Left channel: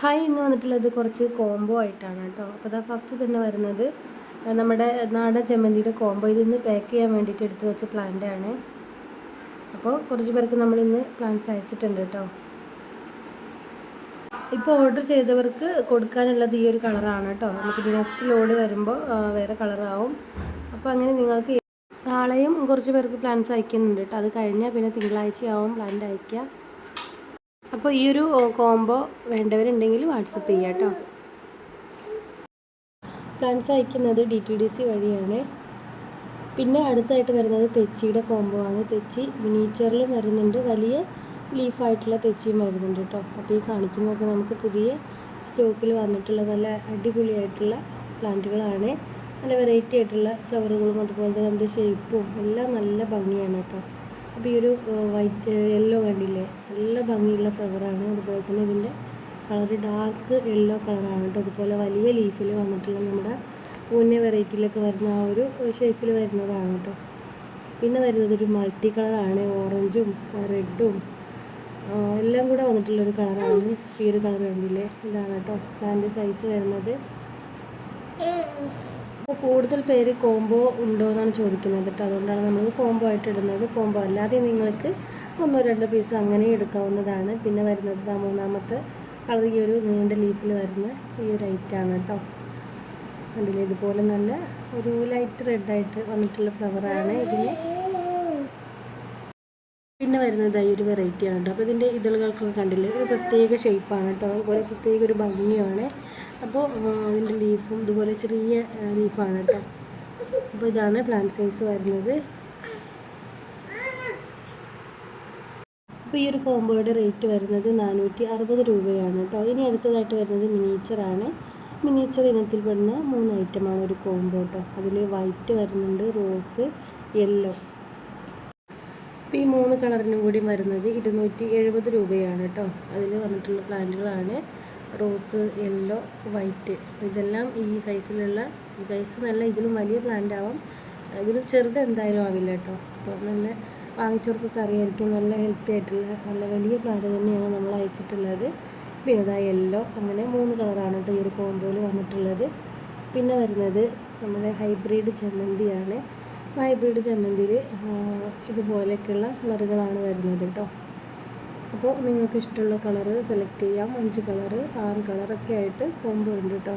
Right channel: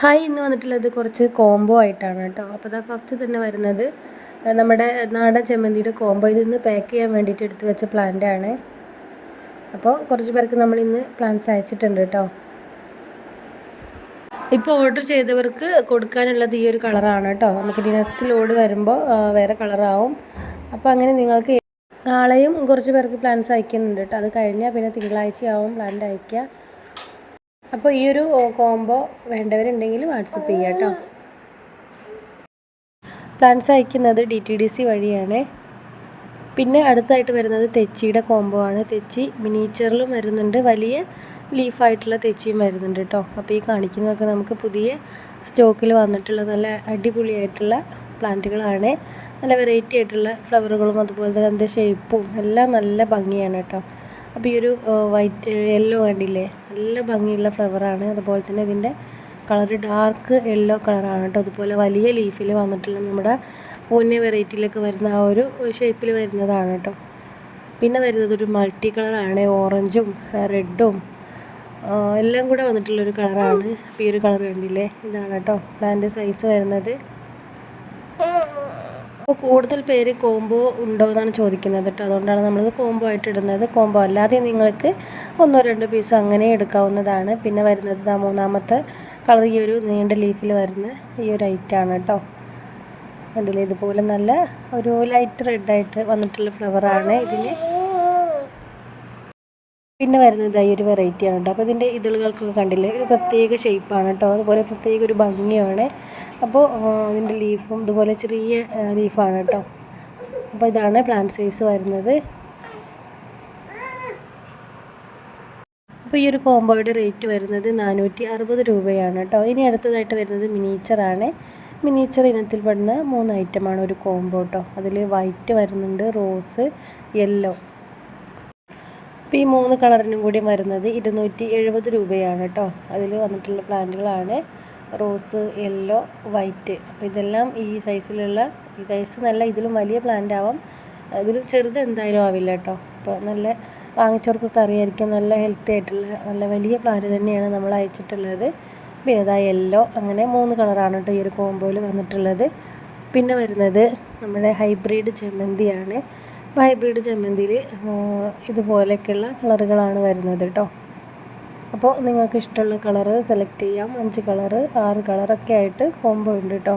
Hi ഇന്ന് വന്നിട്ടുള്ളത് കുറച്ച് കോംബോ ആയിട്ടാണ് കേട്ടോ. അപ്പോൾ ഇതാ ഫസ്റ്റ് തന്നെ വരുന്നത് നമ്മുടെ നാടൻ ചെമ്മന്തിയുടെ കോംബോ ഇതിന്ന് പാക്ക് ചെയ്യാൻ വേണ്ടിയിട്ട് എടുത്തു വെച്ച പ്ലാന്റ് ആണ്. അപ്പോൾ കുറച്ച് പേർക്ക് നമ്മൾ ഇന്ന് പ്ലാന്റ്സ് അയച്ചിട്ടുണ്ട് കേട്ടോ. ഇപ്പോൾ ഓർഡർ ചെയ്തവർക്ക് കൊടുക്കാനുള്ളത് ഈ ഒരു കളറാണ് കേട്ടോ. നമുക്ക് നെക്സ്റ്റ് ലോഡ് വരുമ്പോൾ വേറെ കളറാവും അപ്പോൾ അങ്ങനെ നിങ്ങൾക്ക് നാളെയും കുറച്ച് പേർക്ക് പ്ലാൻസ് അയക്കുന്നുണ്ട് കേട്ടോ. അത് കഴിഞ്ഞാൽ പിന്നെ തിങ്കളാഴ്ചയാവും പ്ലാന്റ് അയക്കുക അപ്പോൾ ഈ ഒരു കോംബോ വേണ്ടവരുണ്ടെങ്കിൽ വാട്സപ്പ് ചെയ്യാം കേട്ടോ. പ്ലാൻസ് അയക്കുന്നത് ഡി ടി ഡി സി വഴിയാണ്. പിന്നെ അടുത്തായിട്ട് വരുന്നത് തെച്ചിയുടെ കോംബോ ആണ്. തെച്ചി മിനിച്ചറിലും വരുന്നുണ്ട്. വലിയ ലീഫായിട്ടുള്ള തെച്ചിയും വരുന്നുണ്ട് കേട്ടോ. അപ്പോൾ ഈ കാണിക്കുന്നതൊക്കെ നമുക്ക് പുതിയ സ്റ്റോക്കിൽ വന്നിട്ടുള്ള നല്ല അടിപൊളിയായിട്ടുള്ള പ്ലാന്റുകളാണ്. നല്ല വെറൈറ്റി ആയിട്ടുള്ള ഫ്ലവറുകളും അതുപോലെ തന്നെ അതിന്റെ ഷേപ്പും എല്ലാം നല്ല ഭംഗിയാണ് കേട്ടോ. അപ്പോൾ ഈ ഒരു വൈറ്റ് യെല്ലോ കണ്ടില്ലേ? നല്ല ഭംഗിയുള്ള ഫ്ലവറാണ് അതുപോലെ തന്നെ ഇതിന്റെ കളർ ഡാർക്ക് യെല്ലോ കളറാണ് കേട്ടോ. അതുപോലെ വലിയ ലീഫിൽ വന്നിട്ടുള്ള നമ്മുടെ പൂന്യ വെറൈറ്റിയിലൊക്കെ വരുന്ന ആ ഒരു ഷേപ്പിൽ വരുന്നതാണ് കേട്ടോ. പിന്നെ വരുന്നത് ഒരു മൾട്ടി കളറാണ് ഓറഞ്ചും റെഡും എല്ലാം കൂടെ വന്നിട്ടുള്ളൊരു കളറാണ് ഈ ഒരു കളർ കണ്ടില്ലേ? ഇതാണ് കേട്ടോ. പ്ലാന്റ് സൈസ് വരുന്നത്. അപ്പോൾ കൂടുതൽ പേര് കോംബോ ഉണ്ടോ എന്നാണ് ചോദിക്കുന്നത് കേട്ടോ. അതുകൊണ്ടാണ് നമ്മൾ കോംബോ ആയിട്ട് ഇടുന്നത്. കോംബോ അല്ലാതെ നിങ്ങൾക്ക് ഒന്നോ രണ്ടോ പീസ് അങ്ങനെ എടുക്കാവുന്നതാണ്. പിന്നെ വരുന്നത് ആ മൂന്നാമത്തെ കളർ ഈ ഒരു നീണ്ട ലീഫിൽ വരുന്ന ഈ ഒരു ഐറ്റാണ് കേട്ടോ. അതിൽ ഇതുപോലെ നല്ല ഒരു ലൈറ്റ് റെഡായിട്ട് വന്നിട്ടുള്ള ഫ്ലവറാണ് ഇതിന്. പിന്നെ വരുന്നത് ഈ ഒരു വെറൈറ്റിയാണ് കേട്ടോ. അപ്പോൾ ഇതിന്റെ ഇതളുകൾക്കൊക്കെ കണ്ടില്ലേ? ഒരു പ്രത്യേക ഷേപ്പാണ് കേട്ടോ. അതുപോലെ പ്രത്യേക ഒരു ഭംഗിയാണ് അപ്പോൾ ഇതിന്റെ ലീഫും ഇതുപോലെ ചെറിയ ലീഫാണ് കേട്ടോ. അപ്പോൾ ഇതാണ് പ്ലാന്റ് സൈസ് വരുന്നത്. അപ്പോൾ ഈ ഒരു കോംബോയുടെ റേറ്റ് വരുന്നത് നാനൂറ്റി അറുപത് രൂപയാണ് കേട്ടോ. ഇനി അടുത്തതായിട്ട് വരുന്നത് മിനിയേച്ചറാണ്. മിനിയേച്ചർ ഇനത്തിൽ പെടുന്ന മൂന്ന് ഐറ്റമാണ് ഒരു കോംബോ കേട്ടോ. അതിൽ വൈറ്റ് വരുന്നുണ്ട് റോസ് യെല്ലോ. അപ്പോൾ ഈ മൂന്ന് കളറിനും കൂടി വരുന്നത് ഇരുന്നൂറ്റി എഴുപത് രൂപയാണ് കേട്ടോ. അതിൽ വന്നിട്ടുള്ള പ്ലാന്റുകളാണ്. Rose yellow white. അപ്പോൾ ഇതെല്ലാം ഈ സൈസിലുള്ള ഈ സൈസ് നല്ല ഇതിലും വലിയ പ്ലാന്റ് ആവാം. ഇതിലും ചെറുത് എന്തായാലും ആവില്ല കേട്ടോ. അപ്പോൾ നല്ല വാങ്ങിച്ചവർക്കൊക്കെ അറിയായിരിക്കും. നല്ല ഹെൽത്തി ആയിട്ടുള്ള നല്ല വലിയ പ്ലാന്റ് തന്നെയാണ് നമ്മൾ അയച്ചിട്ടുള്ളത്. പിന്നെ ഇതാ യെല്ലോ അങ്ങനെ മൂന്ന് കളറാണ് കേട്ടോ ഈ ഒരു കോമ്പോയിൽ വന്നിട്ടുള്ളത്. പിന്നെ വരുന്നത് നമ്മുടെ ഹൈബ്രിഡ് ചെമ്മന്തിയാണ്. അപ്പോൾ ഹൈബ്രിഡ് ചെമ്മന്തിയിൽ ഇതുപോലെയൊക്കെയുള്ള കളറുകളാണ് വരുന്നത് കേട്ടോ. അപ്പോൾ നിങ്ങൾക്ക് ഇഷ്ടമുള്ള കളറ് സെലക്ട് ചെയ്യാം. അഞ്ച് കളറ് ആറ് കളറൊക്കെ ആയിട്ട് കോംബോ ഉണ്ട് കേട്ടോ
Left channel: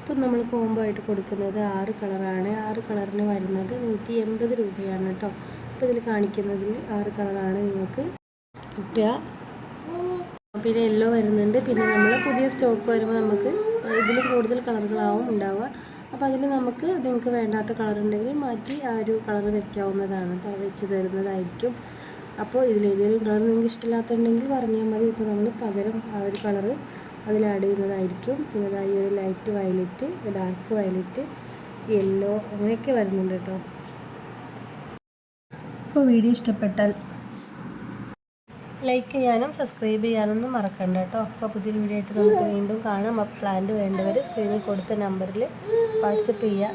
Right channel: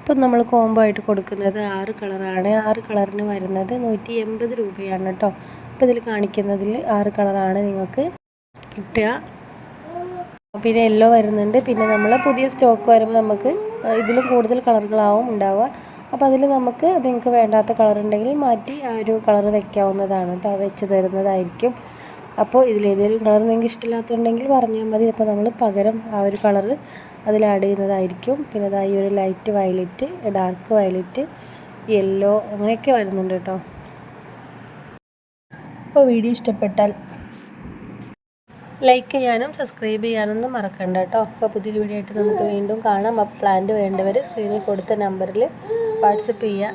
ഇപ്പം നമ്മൾ കോംബോ ആയിട്ട് കൊടുക്കുന്നത് ആറ് കളറാണ് ആറ് കളറിന് വരുന്നത് നൂറ്റി എൺപത് രൂപയാണ് കേട്ടോ അപ്പോൾ ഇതിൽ കാണിക്കുന്നതിൽ ആറ് കളറാണ് നിങ്ങൾക്ക് കിട്ടുക. പിന്നെ യെല്ലോ വരുന്നുണ്ട്. പിന്നെ നമ്മൾ പുതിയ സ്റ്റോക്ക് വരുമ്പോൾ നമുക്ക് ഇതിലും കൂടുതൽ കളറുകളാവും ഉണ്ടാവുക. അപ്പോൾ അതിൽ നമുക്ക് നിങ്ങൾക്ക് വേണ്ടാത്ത കളർ ഉണ്ടെങ്കിൽ മാറ്റി ആ ഒരു കളർ വെക്കാവുന്നതാണ് കേട്ടോ വെച്ച് തരുന്നതായിരിക്കും. അപ്പോൾ ഇതിലേതെങ്കിലും കളർ നിങ്ങൾക്ക് ഇഷ്ടമില്ലാത്തുണ്ടെങ്കിൽ പറഞ്ഞാൽ മതി. അപ്പോൾ നമ്മൾ പകരം ആ ഒരു കളർ അതിൽ ആഡ് ചെയ്യുന്നതായിരിക്കും. പിന്നെ അതായി ഈ ഒരു light violet dark violet yellow അങ്ങനെയൊക്കെ വരുന്നുണ്ട് കേട്ടോ. അപ്പോൾ വീഡിയോ ഇഷ്ടപ്പെട്ടാൽ ലൈക്ക് ചെയ്യാനും സബ്സ്ക്രൈബ് ചെയ്യാനൊന്നും മറക്കണ്ട കേട്ടോ. അപ്പോൾ പുതിയൊരു വീഡിയോ ആയിട്ട് നമുക്ക് വീണ്ടും കാണാം. അപ്പോൾ പ്ലാന്റ് വേണ്ടവർ സ്ക്രീനിൽ കൊടുത്ത നമ്പറിൽ വാട്സപ്പ് ചെയ്യുക.